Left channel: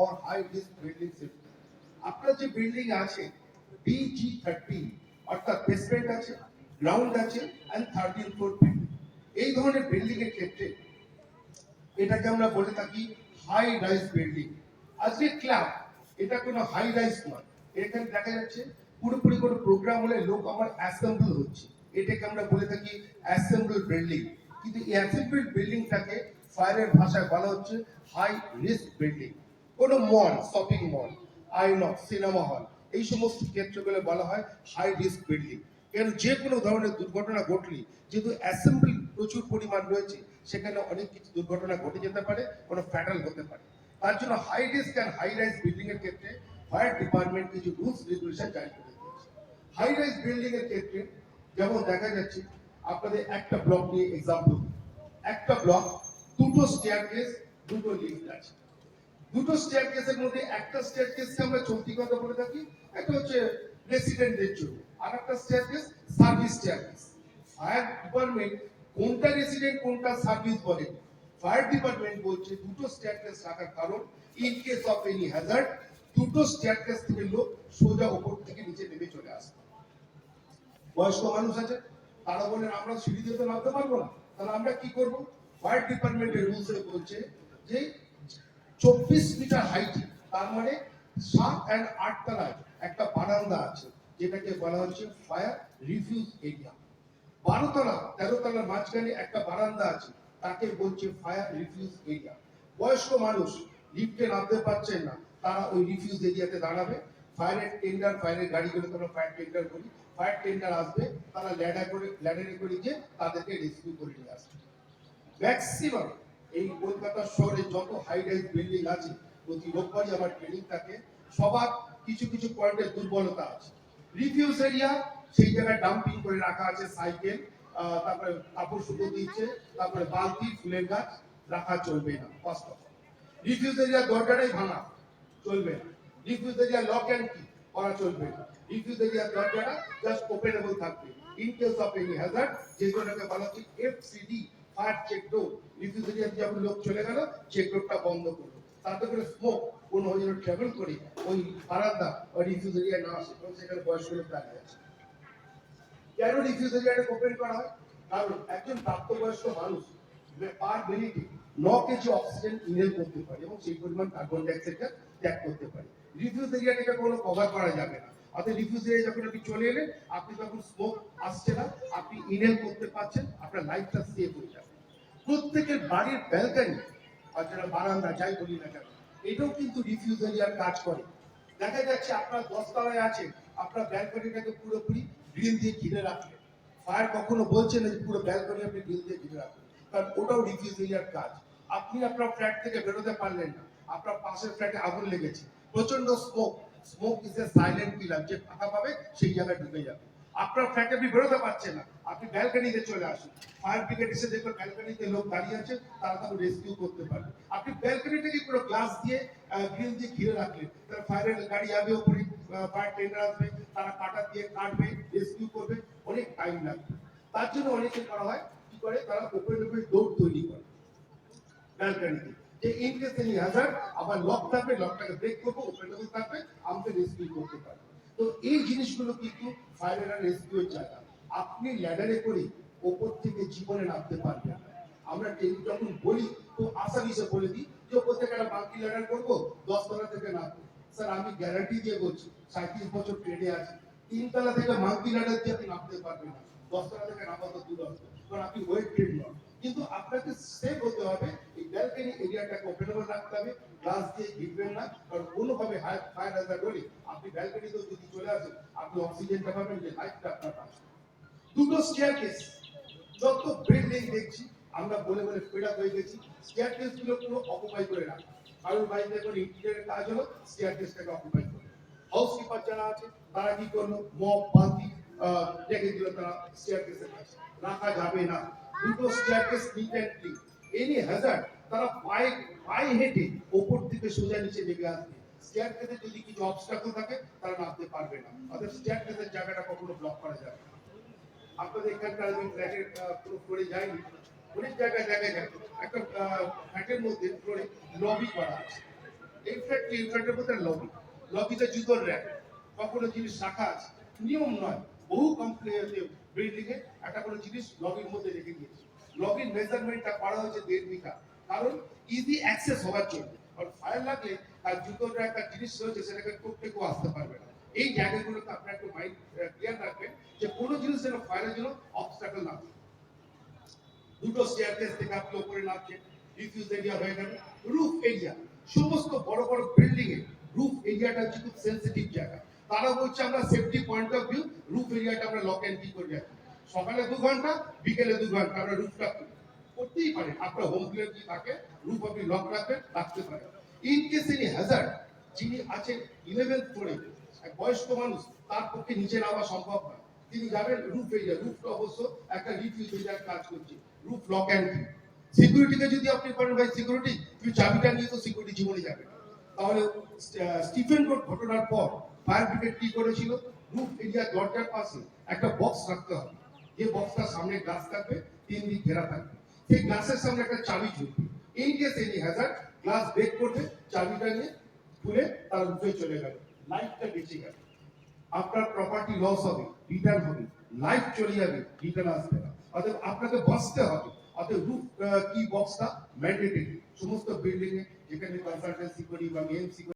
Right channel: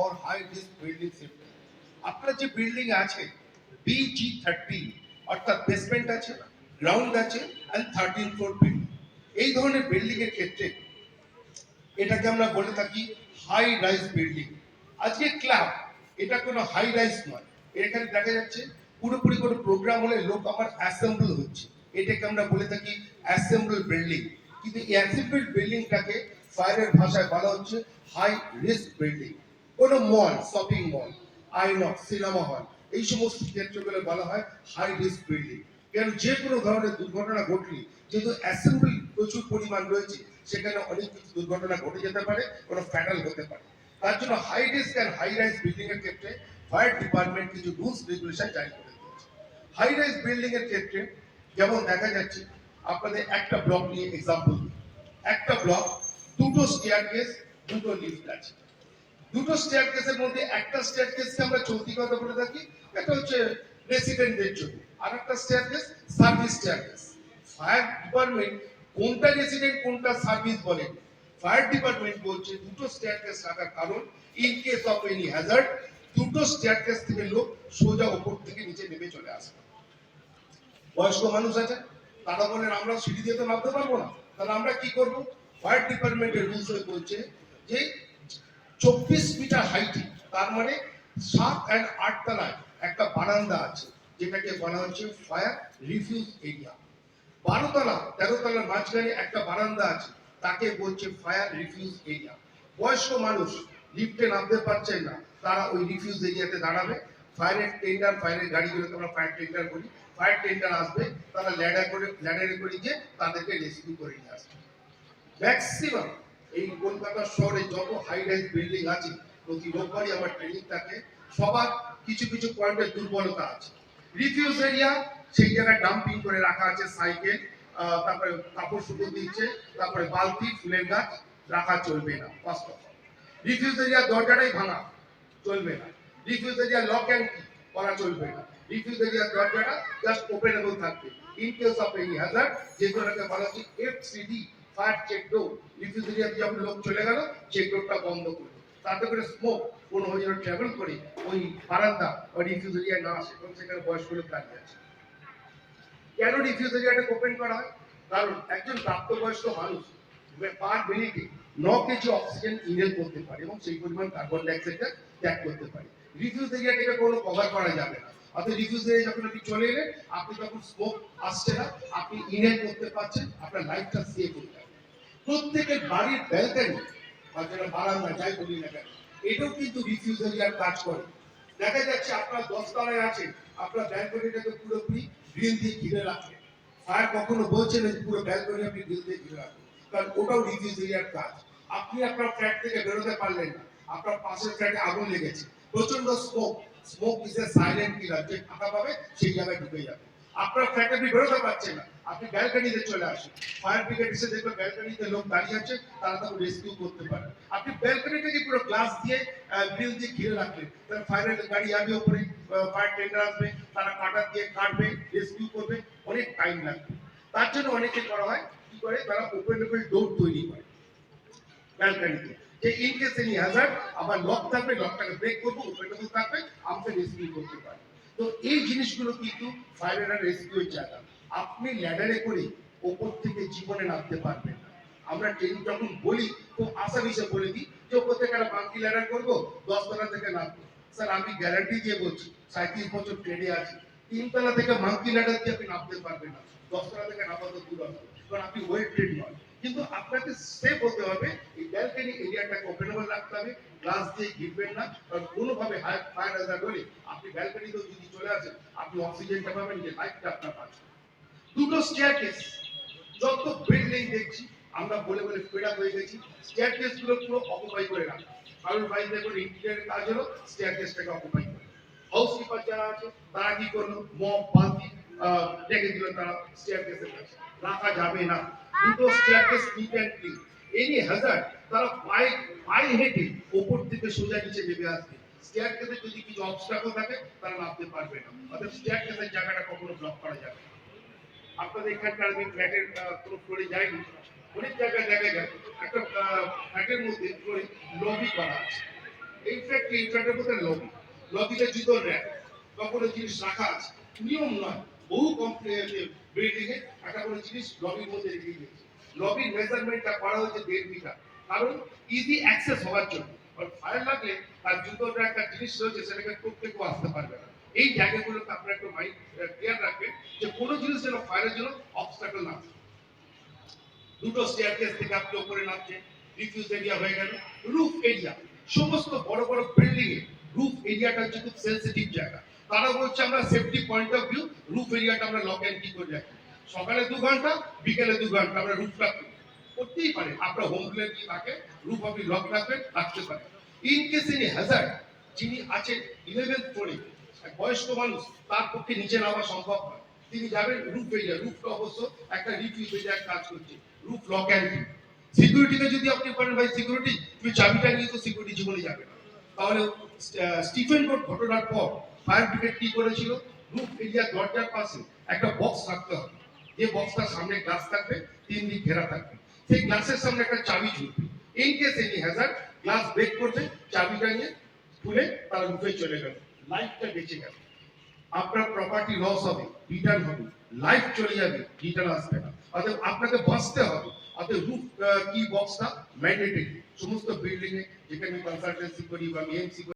or high risk building safety. আপনার যে building আছে BG13 অর্থাৎ বেসমেন্ট আছে, গ্রাউন্ড আছে এন্ড 13 ফ্লোর বিল্ডিং, এই ধরনের বিল্ডিং এর ক্ষেত্রে এটাকে আমরা বলে থাকি হাই রাইজ বিল্ডিং। আজকে ক্লাব এটা কোনো হাই রাইজ নয়, এখানে দেখা যাচ্ছে পুরোপুরি কোনো প্রোগ্রাম হলে লোক আমার অ্যাসেম্বল হচ্ছে, এটাকে আমরা বলে থাকি অ্যাসেম্বল বিল্ডিং। কিন্তু এই অ্যাসেম্বল বিল্ডিংটাকে ফায়ারের ভাষায় বলা হচ্ছে হাই রিস্ক বিল্ডিং। কোনো mall, shopping mall, Inox, cinema hall, এই সমস্ত ক্ষেত্রগুলো বলা হয় হাই রিস্ক বিল্ডিং। কারণ যে কোনো ধরনের দুর্ঘটনা ঘটলে যেহেতু অ্যাসেম্বল প্রচুর পরিমাণ রয়েছে, সেখানে অনেক কিছু দুর্ঘটনা ঘটে যেতে পারে, কোনো ফ্যাটাল হতে পারে। তার জন্য high risk and high rise building এর ক্ষেত্রে ফায়ার ডিপার্টমেন্ট কিছু রুলস রেগুলেশন জারি করে দিয়েছে। হাই রাইজ বিল্ডিং এর ক্ষেত্রে যেমন দেখা যাচ্ছে, আপনাদের একটা ব্লক নিয়ে এক্সাম্পল, একটা ব্লক দুটো স্টেয়ারকেস, দুটো লিফট আছে। দুটো স্টেয়ারকেসের মধ্যে একটা স্টেয়ারকেসকে আমরা চলতি কথা বলে থাকি, এটা হচ্ছে রেসিডেন্টদের জন্য, আর একটা staircase service staircase. Fire department কোনটা রেসিডেন্ট কোনটা সার্ভিস বলে, ফায়ার ডিপার্টমেন্ট বলছে দুটো স্টেয়ারকেস রাখার কারণ in case of any Hazard দুটো স্টেয়ারকেস থেকে লোক সোজা উপর থেকে নিচে নেমে চলে আসে। বয়স্ক মানুষ আছে, তারা বলেন আমরা সিঁড়ি দিয়ে তো নামতে পারবো না, তাহলে আমরা কি করব? ফায়ার ডিপার্টমেন্টের রুলসে বলছে যে 24 মিটার হাইটে, তার মানে 7 and 8 তলায় একটা বারান্দা আছে, যেটাকে বলা হচ্ছে ফায়ার রিফিউজ এরিয়া। 12 তলা 13 তলার মাঝখানে একটা বারান্দা আছে, তাকে বলছে ফায়ার রিফিউজ এরিয়া। বয়স্ক মানুষ লিফটে নামতে পারছেন না, তারা ওই রিফিউজ এরিয়াতে দাঁড়াবে। ফায়ারের টেন্ডার, ফায়ারের গাড়িগুলোকে আমরা ফায়ার টেন্ডার করি, ফায়ার টেন্ডার আসবে, তারা ল্যাডারে করে গিয়ে তাদেরকে রেস্কিউ করে নিয়ে আসবে। ম্যাক্সিমাম এই কলকাতা শহরে যত হাই রাইজ বিল্ডিং আছে, প্রতি রোববারই আমার ট্রেনিং থাকে, সবার কিছু কিছু পয়েন্টের দুর্বলতা আছে। রিফিউজ এরিয়া, সেই জায়গায় ডাম্পিং করে রাখা আছে সাইকেল, তারপরে কাপড় শুকো দিচ্ছে, তারপরে বালতি, ফুলের গাছ রাখা চলবে না। First of all refuge area দরজাটাই ভাঙা চলবে না। রিফিউজ এরিয়া লক অ্যান্ড কি করা চলবে না। রিফিউজ এরিয়া দরজাটা জাস্ট ওপেনেবল থাকবে in case of any Hazard, যেগুলোকে বলা হচ্ছে FCD, ফায়ার চেক ডোর। রিফিউজ এরিয়া দিয়ে যখন লোক চলে গেল, চেক ডোরটা বন্ধ করবে, তাতে করে স্মোক কোনো হয়ে ট্রাভেল করে ওই বারান্দা ওই রিফিউজ এরিয়া না আসে, কারণ সেখানে বয়স্ক লোক দাঁড়িয়ে আছে। কেন রিফিউজ এরিয়াটা ওপেন করা হয়? কারণ একজন প্রাপ্তবয়স্ক মানুষ পার মিনিটে 9 কেজি অক্সিজেন ইনহেল করতে পারে এবং সেই পরিমাণ কার্বন ডাইঅক্সাইডটা ত্যাগ করতে পারে। রিফিউজ এরিয়াটাকে কোনো কভার করা যাবে না। অর্থাৎ রিফিউজ এরিয়া যখন আপনি চলে এলেন, আপনি তখন স্মোক আসছে না, আপনি ইনহেল করতে পারছেন, আপনার লাইফটা সেভ হয়ে যাবে। প্রত্যেকের বাড়ির ব্যালকনি আর যেটা বারান্দা যাই বলি না কেন, এটাও কিন্তু রিফিউজ এরিয়ার কাজ করে। দেখা যাচ্ছে আপনার 10 তলায় আছে, আপনার ব্যালকনিটাকে পুরোপুরি গ্রিল দিয়ে ঘিরে রাখলেন। ফায়ার কখনো বলছে না যে পুরো ব্যালকনি আপনি গ্রিল দিয়ে ঘিরে রাখুন, কারণ ওটাও রিফিউজ এরিয়ার কাজ। আপনি আপনার ফ্ল্যাট থেকে বেরোতে পারলেন না, আপনার পাশের ফ্ল্যাটে আগুন লেগেছে, প্রচন্ড smoke, smoke is a silent killer, যে ফাঁকা পাবে সেই জায়গায় ঢুকে যাবে। আপনার ফ্ল্যাটে আপনি বেরোতে পারছেন না, আপনি ব্যালকনিতে চলে আসুন, ফায়ার ব্রিগেড এসে দেখবেন ব্যালকনিতে লোক দাঁড়িয়ে আছে, তারা তাকে রেস্কিউ করতে পারে। আপনি ব্যালকনিটাকে পুরো গ্লাস দিয়ে গ্রিল দিয়ে ঘিরে রাখলেন, তাহলে ফায়ারের গাড়ি আসবে উপরে, ফায়ার টেন্ডার আসবে, তারা কাটা দিয়ে কাটবে, রেস্কিউ করবে, অনেক টাইম লাগবে। তার জন্য অনেকে করা হয় কি করে, তারা ওপেনেবল ডোর তৈরি করে ব্যালকনিতে, যে ইন কেস এনি হ্যাজার্ড আবার লক থাকবে, লকটাকে ব্রেক করবো, ওপেনেবল থাকবে, আমাকে রেস্কিউ করতে পারে। তো এই জিনিসগুলো কিন্তু ফায়ার অ্যান্ড রেস্কিউর জায়গা। আপনি ল্যাডারে করে ওপর থেকে জীবনে নামতে পারবেন না। আমরা ট্রেনিং যখন বলি তো আসামিসে বলে দিই যে ওপর থেকে একটা বাঙ্কি ল্যাডার করবো, 10 তলা থেকে নামবো। স্যার আমি গ্যারান্টি দিয়ে বলছি, 37 বছর ট্রেনে আছি, 3 তলা থেকে মাঙ্কি ল্যাডার দিয়ে আপনি নামতে পারবেন না, 10 তলা থেকে নামা তো দূর হবে, কারণ আপনি ওয়েট ট্রেন নয়। কিন্তু আপনাকে সেফ হতে হবে, এই ব্যালকনি এরিয়াটাকে ওপেনেবল রাখতে হবে, গ্লাস দিয়ে ঘিরবেন না, কারণ কোনোভাবে ফায়ার হ্যাজার্ড হলে আপনি ব্যালকনিতেও যদি চলে আসেন, আপনি অক্সিজেনটা পাবেন, যে লাইফটা আপনার বাঁচবে। দুটো স্টেয়ারকেস, যত বিল্ডিং দেখছি আমরা বলে বলে ফেড আপ হয়ে গেছি, স্টেয়ারকেস গুলো পুরো অকুপাই করে রাখা। কারণ বাড়িতে কোনো ইন্টেরিয়র কাজ হলো, স্টেয়ারকেসটাকে অকুপাই করে। হাউসকিপার যারা আছে তারা কি করলো, মপ বালতি রেখে দিল, তারা স্টেয়ারকেসের কাছে রাখা যাবে না। দুটো staircase neat and clean. Any Hazard তারা পায়ে হেঁটে ওপর থেকে সোজা নিচে নেমে আসবে। স্টেয়ারকেসে যদি কিছু অবস্টাকল থাকে তারা নামতে পারবে না, অর্থাৎ স্টেয়ারকেসের জায়গাটা কখনো ব্লক করা যাবে না। আপনাদের এখানকার আমি ফ্ল্যাটের কোনো ফ্লোরে যাইনি, অনেক জায়গায় দেখা যায় একটা ফ্ল্যাটের মধ্যে ফ্লোরে লবি করা আছে। এই ফ্ল্যাটের মধ্যে লবিতে জুতোর র্যাক, কখনো জিনিস রাখা আছে, নিয়ম নয়। বহু বিল্ডিং এ একটা করে জিনিস লবির মধ্যে রেখে দিয়েছে। লবির মেজারমেন্টটা করা হয়েছে 1.5 মিটার, কারণ ইজি অ্যাক্সেস হওয়ার জন্য। আর ফায়ার লাগলে তার জুতোর র্যাক, একটা জিনিস রয়েছে, সেটাকে টপকে কেউ আসতে পারবে না। এই জায়গাগুলোতে আপনারা একটু মাইন্ড ক্লিয়ার রাখবেন যে কোনো জিনিস যেন ফায়ারের জন্য অবস্টাকল না থাকে। দুটো স্টেয়ারকেস থেকে আপনি উপরে নামছেন, রিফিউজ এরিয়া হয়ে গেল। রুফ এরিয়া, সমস্ত বড় বড় বিল্ডিং এ রুফ এরিয়াটা হচ্ছে খুব সেন্সিটিভ জায়গা। তারা বলছে আমরা safety point of view roof এরিয়াটা আমরা লক এন্ড কি করে রাখি। সকালে 2 ঘন্টা, বিকেলে 2 ঘন্টা আমরা রুফটা করতেই পারেন। আপনার হোম প্ল্যান কি থাকে, রুফ আপনি লক রাখবেন, রাখতে পারেন। ইন কেস এনি হ্যাজার্ড, যিনি আছেন 11th ফ্লোরে, বয়স্ক মানুষ, তার পক্ষে নিচে নামা সম্ভব নয়, তিনি যাবেন রুফ এরিয়া। রুফটা অবশ্য একটা রিফিউজ এরিয়ার কাজ করছে, রুফ লক অ্যান্ড কি। সিকিউরিটিকে যদি আপনি বলেন ভাই সিকিউরিটি তুমি চাবিটা নিয়ে, তো সিকিউরিটি জীবনে যাবে না। তাহলে স্টিফেন কোড ঘটনার পর ফায়ার ব্রিগেড কি করেছিল, রুফ এরিয়া দরজার পাশে একটা বক্স রাখতে হবে, যে বক্সটার সামনে গ্লাস থাকবে, 3 দিক ঘেরা থাকবে, সেই গ্লাসের সামনে একটা চাবি ঝুলবে। এই case any hazard, glass break করবে, চাবিটা নিয়ে খুলে তার রুফে চলে গেল, লাইফটা বেঁচে গেল। আপনার প্রপার্টি লস হবে, রিটার্ন হবে, লাইফ চলে যাবে, রিটার্ন আসবে না। অতএব আপনাকে বাঁচতে হবে। অতএব রুফ কি বক্সটা ম্যান্ডেটরি। সমস্ত বিল্ডিং এ যেখানে কনসালটেন্সি করি বা এমসি